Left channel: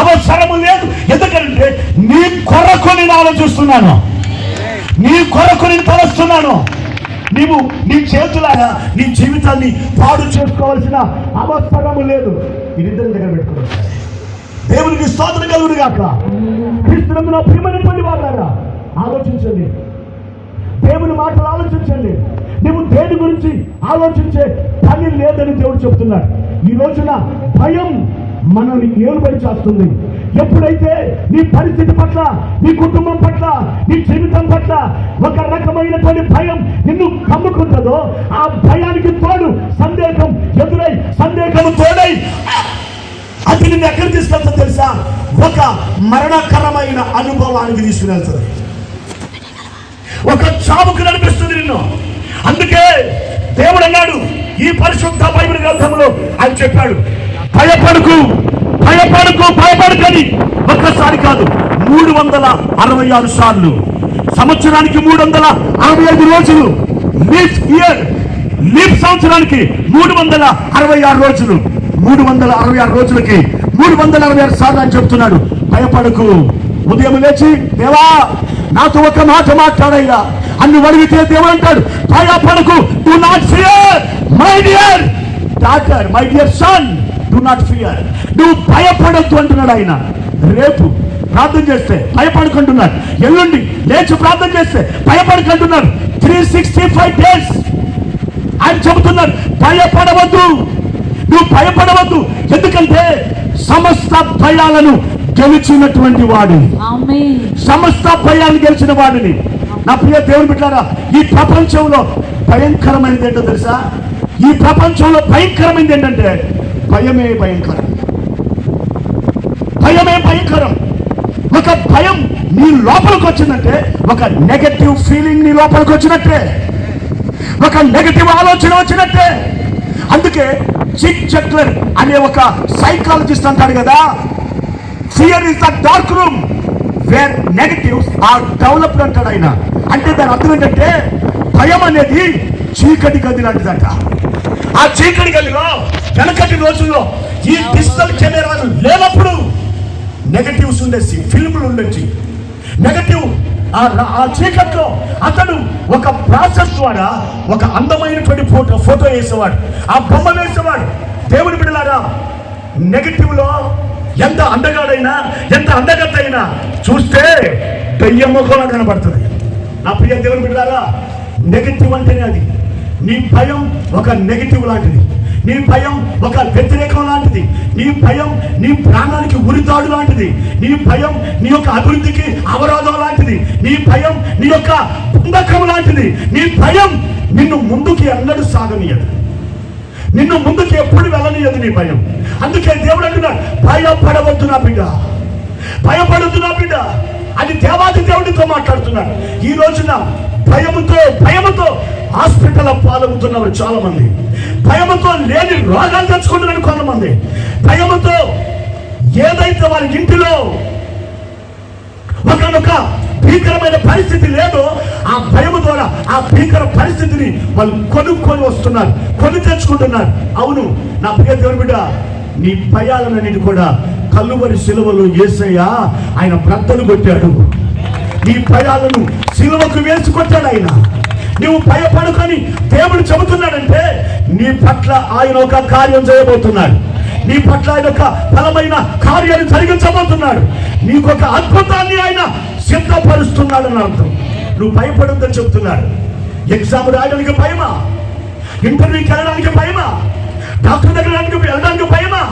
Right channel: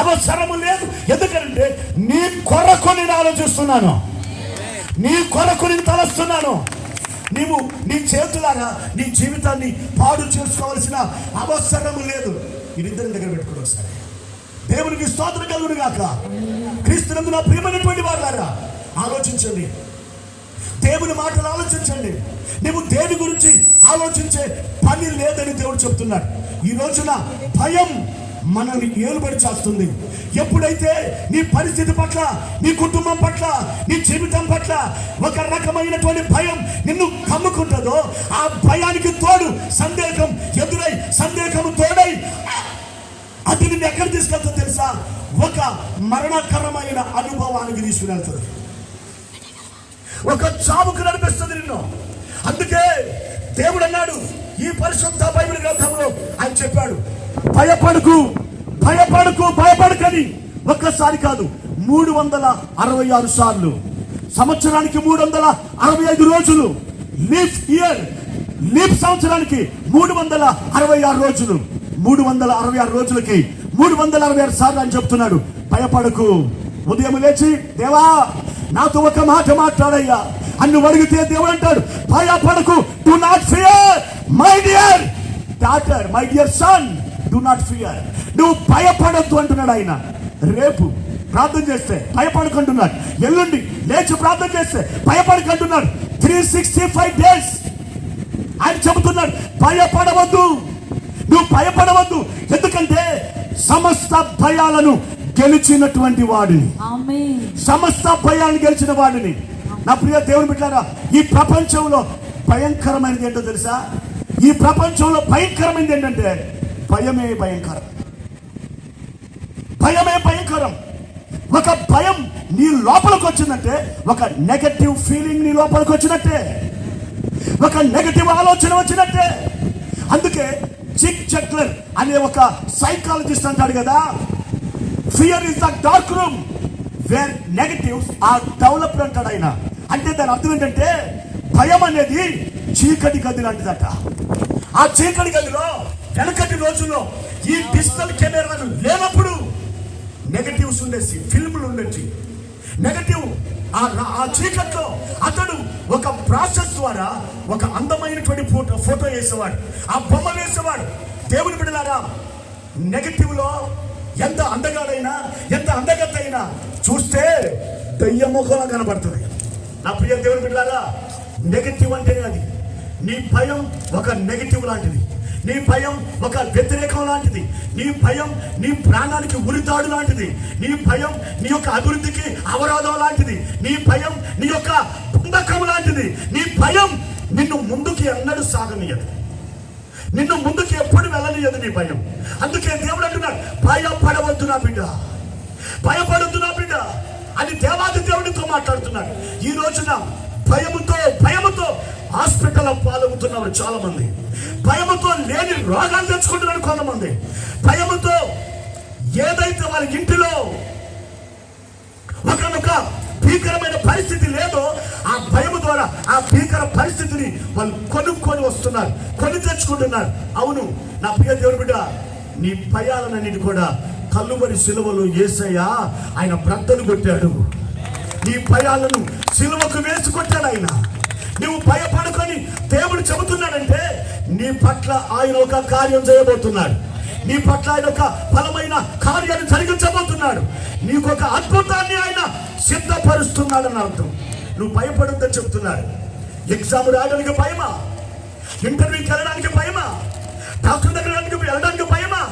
అవసరము లేదు. ఎందుకంటే నీ కొరకు నేను ఆలోచిస్తున్నాను, నీ కొరకు నేను తలస్తున్నాను. నీవు నీ చేతులాగా నీ జీవితాన్ని పాడు చేసుకోవాల్సిన అవసరము లేదు. మీరిద్దరి దగ్గర పెట్టుకోవాలి. దేవునికి స్తోత్రం కలుగును గాక. క్రీస్తునందు నా ప్రియమైనటువంటి వారులారా, ఆలోచించండి, దేవుని మాటలు ఆలోచించండి. నువ్వు దేని గురించి ఆలోచించే పని లేదని దేవుడు చెప్తున్నాడు. ఈ రోజున భయం మనల్ని ఏలుబడి చేస్తుంది. ఎప్పుడైతే నీ పరిస్థితి పట్ల, నీ కుటుంబం పట్ల, నీ జీవితం పట్ల ఒక రకమైనటువంటి భయం నిన్ను కమ్ముకుంటుందో, ఆ భయానికి తోడు సందేహం ఎదురై, సందేహము తోడై అది నిన్ను ఎక్కడ తీసుకెళ్తా తెలుసా? ఒక మరణకరమైన అనుభవానికి తీసుకుని వెళ్తుంది, ఒక చావుకు నడిపిస్తుంది నిన్ను. అందుకే దేవుడు అన్నాడు ఈ పరిశుద్ధ బైబిల్ గ్రంథంలో, ఆయన చెప్పాడు, భయపడకు భయపడకు భయపడకని. ఒక్కసారి కాదు, 366 సార్లు, సంవత్సరానికి 365 రోజులు, లీప్ సంవత్సరానికి 366 రోజులు, 366 రోజులకి 366 సార్లు అని చెప్తున్నాడు, భయపడకు. ఉదయం లేచి, దేవా నాతో ఒక మాట మాట్లాడయ్యా అని అడిగితే దేవుడు అంటాడు, భయపడకు, do not fear my dear daughter, my dear son, do not fear. నువ్వు భయపడద్దు అంటున్నాడు ఆయన. రేపు ప్రార్థన చేస్తే భయపడుకుంటున్నాడు, ఎల్లుండి లేచి ప్రార్థన చేస్తే భయపడుకుంటున్నాడు. 365 days ఆయన చెబుతున్నాడు, భయపడవద్దు, నువ్వు భయపడవద్దు. ఎందుకంటే సమస్త భయాలను గెలిచినటువంటి వాడిని, సమస్త భయాన్ని గెలిచిన వాడిని. నా ప్రియ దేవుని బిడ్డలారా, ఈ ప్రపంచంలో భయంకరమైనది ఏంటో తెలుసా? ఈ ప్రపంచంలో భయంకరమైనది ఏంటంటే భయమే భయంకరం, భయమే భయంకరం. ఒక భయం నీ లోపలికి వచ్చిందంటే, ఒక నెగటివ్ ఫీలింగ్ నీ లోపలికి వచ్చినట్టే, ఒక నెగటివ్ ఆలోచన వచ్చినట్టే. అందుకే జిగ్ జగ్లర్ అనే ఒక సైకాలజిస్ట్ అంటాడు కదా, fear is the dark room where negatives are developed అంటాడు ఆయన. అంటే దాని అర్థం ఏంటంటే, భయం అనేది చీకటి గది లాంటిదట. ఆ చీకటి గదిలో వెనకటి రోజుల్లో ఈ డిజిటల్ కెమెరాలు లేనప్పుడు నెగటివ్స్ ఉండేసి, ఫిల్ములు ఉండొచ్చి, నెగటివ్ ఆ చీకట్లో అతడు ఒక ప్రాసెస్ ద్వారా ఒక అందమైనటువంటి ఫోటో వేసేవాడు, ఆ బొమ్మ వేసేవాడు. దేవుని బిడ్డలారా, నెగటివ్ లో ఎంత అందగాడైనా, ఎంత అందగత్త అయినా చూస్తే దయ్యం ముఖంలో కనబడుతుంది. నా ప్రియ దేవుని బిడ్డలారా, నెగటివ్ అంటేనే అది. నీ భయం ఒక నెగటివ్ లాంటిది, నీ భయం ఒక వ్యతిరేకం లాంటిది, నీ భయం నీ ప్రాణానికి ఉరితాడు లాంటిది, నీ భయం నీ యొక్క అభివృద్ధికి అవరోధం లాంటిది, నీ భయం నీ యొక్క బంధకం లాంటిది. నీ భయం నిన్ను ముందుకి ఎన్నడూ సాగనీయదు, నిన్ను ముందుకు ఎప్పుడు వెళ్ళనీయదు నీ భయం. అందుకే దేవుడు అంటున్నాడు, భయపడవద్దు నా బిడ్డ, భయపడద్దు నా బిడ్డ అని దేవాది దేవుడితో మాట్లాడుతున్నాడు. ఈ రోజున భయముతో హాస్పిటల్ పాలవుతున్నారు చాలా మంది, భయముతో లేని రోగాలు తెచ్చుకుంటున్నారు కొంతమంది, భయముతో ఏదైతే వాళ్ళ ఇంటిలో ఒక భీకరమైన పరిస్థితి లేదో ఆ భయము ద్వారా ఆ భీకర పరిస్థితిని వాళ్ళు కొనుక్కొని వస్తున్నారు, కొని తెచ్చుకుంటున్నారు. అవును నా ప్రియ దేవుని బిడ్డ, నీ భయాలన్నిటి కూడా కల్లువరి సిలువలో యేసయ్య ఆయన బ్రద్దలు కొట్టాడు. నీ భయాలను సిలువకు వేసి కొట్టాడు ఆయన. నువ్వు భయపడుకొని దేవుడు చెబుతున్నాడంటే నీ పట్ల ఆయన ఒక కార్యం చేయబోతున్నాడు, నీ పట్ల ఆయన ఒక బలమైన కార్యాన్ని జరిగించబోతున్నాడు, నీకొక అద్భుతాన్ని ఆయన సిద్ధపరుస్తున్నాడని అర్థం. నువ్వు భయపడొద్దని చెప్తున్నాడు. ఎగ్జామ్ రాయడానికి భయమా? ఇంటర్వ్యూకి వెళ్ళడానికి భయమా? డాక్టర్ దగ్గర వెళ్ళడానికి భయమా?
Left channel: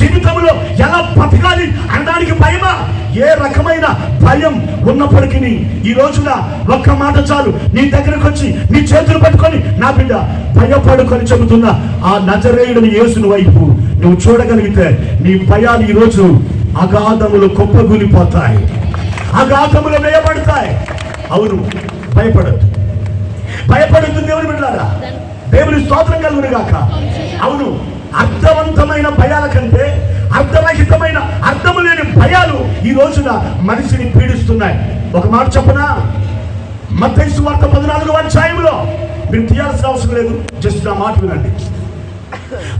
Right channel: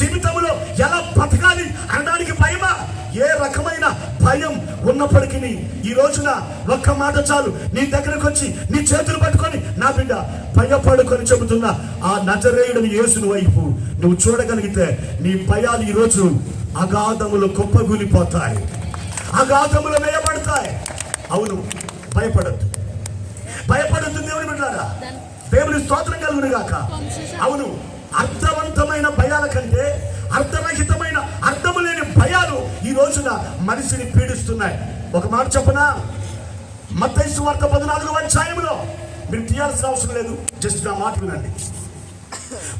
జీవితంలో ఎలా బతకాలి అనడానికి భయమా? ఏ రకమైన భయం ఉన్నప్పటికీ ఈ రోజున ఒక్క మాట చాలు, నీ దగ్గరకు వచ్చి నీ చేతులు పట్టుకొని, నా బిడ్డ భయపడుకొని చెబుతున్నా ఆ నజరేయుడిని యేసుని వైపు నువ్వు చూడగలిగితే నీ భయాలు ఈ రోజు అగాధములు కుప్పగూలిపోతాయి, అగాధములు వేయబడతాయి. అవును, భయపడద్దు, భయపడద్దు దేవుని బిడ్డలారా, దేవుని స్తోత్రం కలుగును గాక. అవును, అర్థవంతమైన భయాల కంటే అర్థరహితమైన అర్థము లేని భయాలు ఈ రోజున మనిషిని పీడిస్తున్నాయి. ఒక మాట చెప్పనా? మత్తయి సువార్త 14వ అధ్యాయంలో, మీరు తీయాల్సిన అవసరం లేదు, జస్ట్ నా మాట వినండి.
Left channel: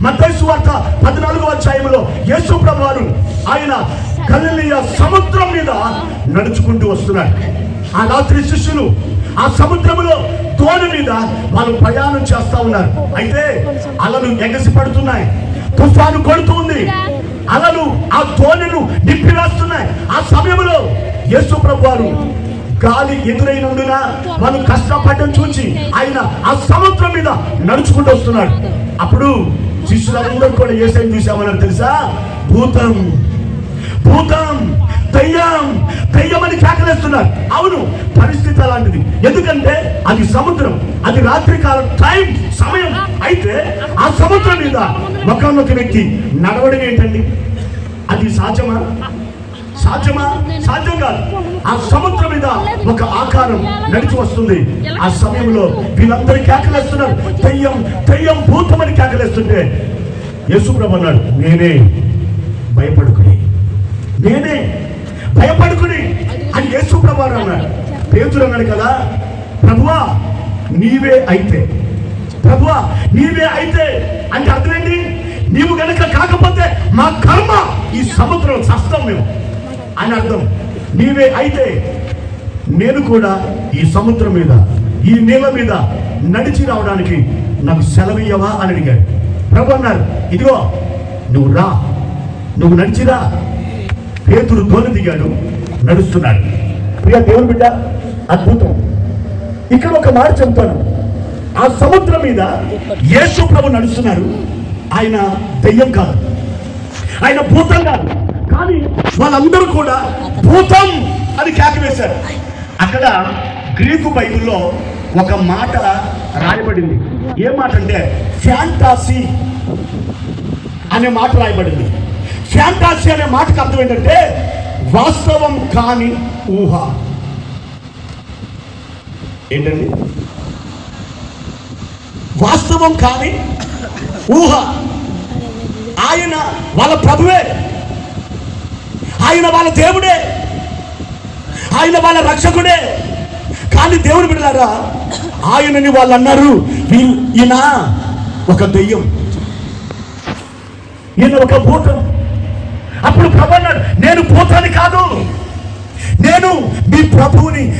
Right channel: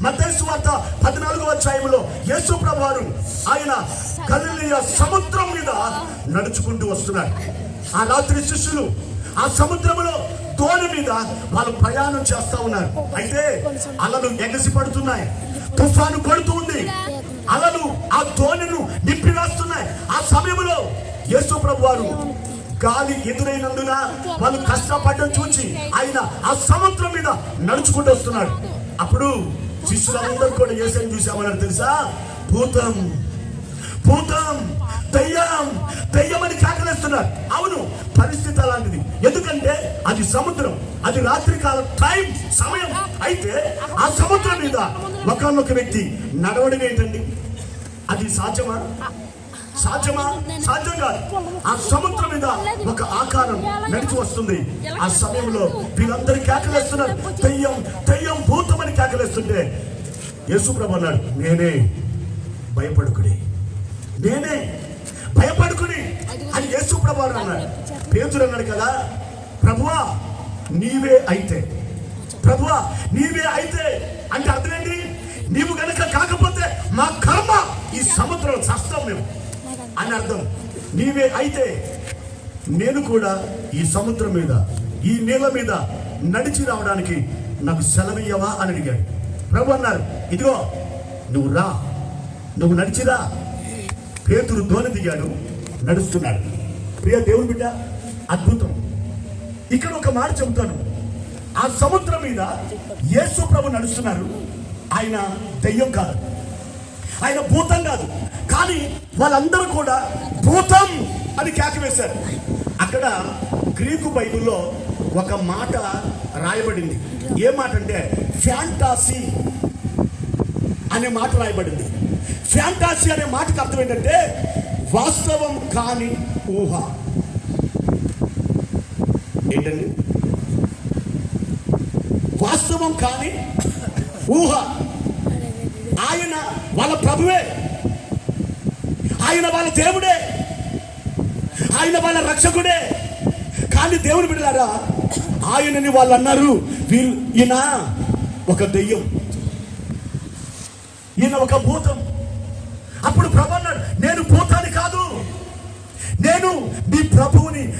మత్తయి సువార్త 14వ అధ్యాయంలో యేసు ప్రభువారు ఆయన గలిలయ సముద్రం మీద నడుచుకుంటూ వస్తున్నాడు. ఆ రాత్రి శిష్యులు ఆ సముద్రంలో తోణి మీద వాళ్ళు ప్రయాణం చేస్తా ఉన్నారు. అయితే అలలు ఎగసి పడుతున్నాయి, తుఫాను కొడుతూ ఉంది, అలలు ఆ తోణిను నింపివేస్తున్నాయి. ఆ సమయంలో యేసు ప్రభు వారు గాలి ఎదురైనందున వాళ్ళు కష్టపడడం చూసి ఆయన ఆ సముద్రం మీద నడుచుకుంటూ వస్తున్నాడు. అప్పుడు శిష్యులందరూ కూడా యేసుని చూసామన్నారు తెలుసా? భూతం, భూతం, దయ్యం, దయ్యం అని కేకలేస్తున్నారు. అవును, పరిస్థితి అలాంటిది. ఎందుకంటే అది సముద్రం, అది రాత్రికాలం టైం సమయం. అయితే ఆ సముద్రం మీద ఒకనొక వ్యక్తి నడవడం ఏంటండి? అది సాధ్యమా? సాధ్యమా? సాధ్యం కాదు. ఆ సముద్రం మీద ఒక ఆకారం నడిచి వస్తుంది. ఆ సమయంలో వీళ్ళందరూ కేకలేస్తున్నారు, దయ్యం, దయ్యం, భూతం అని కేకలేస్తుంటే యేసు ప్రభు అన్నాడు, నేనే, భయపడుకుని, నేనే, భయపడుకుని అని యేసు ప్రభు అన్నాడు. పేతురు అన్నాడు కదా, ప్రభువా నీవే అయితే, ప్రభువా నీవే అయితే అంటే అర్థమేంటి? నీవు గనక కాకపోతే మా కర్మ ఈ సముద్రం చస్తాం మేము అని అర్థం. నీవే అయితే నేను కూడా ఈ సముద్రం మీద, ఈ నీళ్ళ మీద నడిచి రావడానికి నాకు సెలవియ్యవా అని అడిగాడు. ప్రభు అన్నారు, ఇదిగో నువ్వు రా, నువ్వు నడిచిరా. పేతురు దోణి దిగాడు, నడుస్తున్నాడు. ప్రియ దేవుని బిడ్డ, అద్భుతం. ఇక్కడ ఒక మాట చెప్తాను. ఆ సముద్రం మీద యేసు ప్రభు నడుస్తున్నారు. ఆయన దెయ్యం కాదు, ఆయన భూతం కాదు, కానీ వాళ్ళందరూ కూడా భూతం అని కేకవేశారు. అక్కడ గ్రీకు బైబిల్లో ఒక మాట రాయబడింది. ఏ మాట అంటే ఫ్యాంటాసీ అనే మాట రాయబడింది. ఫ్యాంటాసీ అనే మాటకు అర్థం ఏంటంటే వాస్తవం కాని ఊహ. ఏంటండి? వాస్తవం కాని ఊహ. ఆయన వాళ్ళ ప్రభువే, ఆయన వాళ్ళ దేవుడే, ఆయన వాళ్ళ రక్షకుడే. కానీ దేవుడు బిడ్డలారా, ఆయనని వాళ్ళు అన్నారు, ఈయన ఒక దెయ్యం, ఈయన ఒక భూతం. అప్పుడు ప్రభు అన్నాడు, నేను భూతాన్ని కాదు, నేను మీ ప్రభువుని,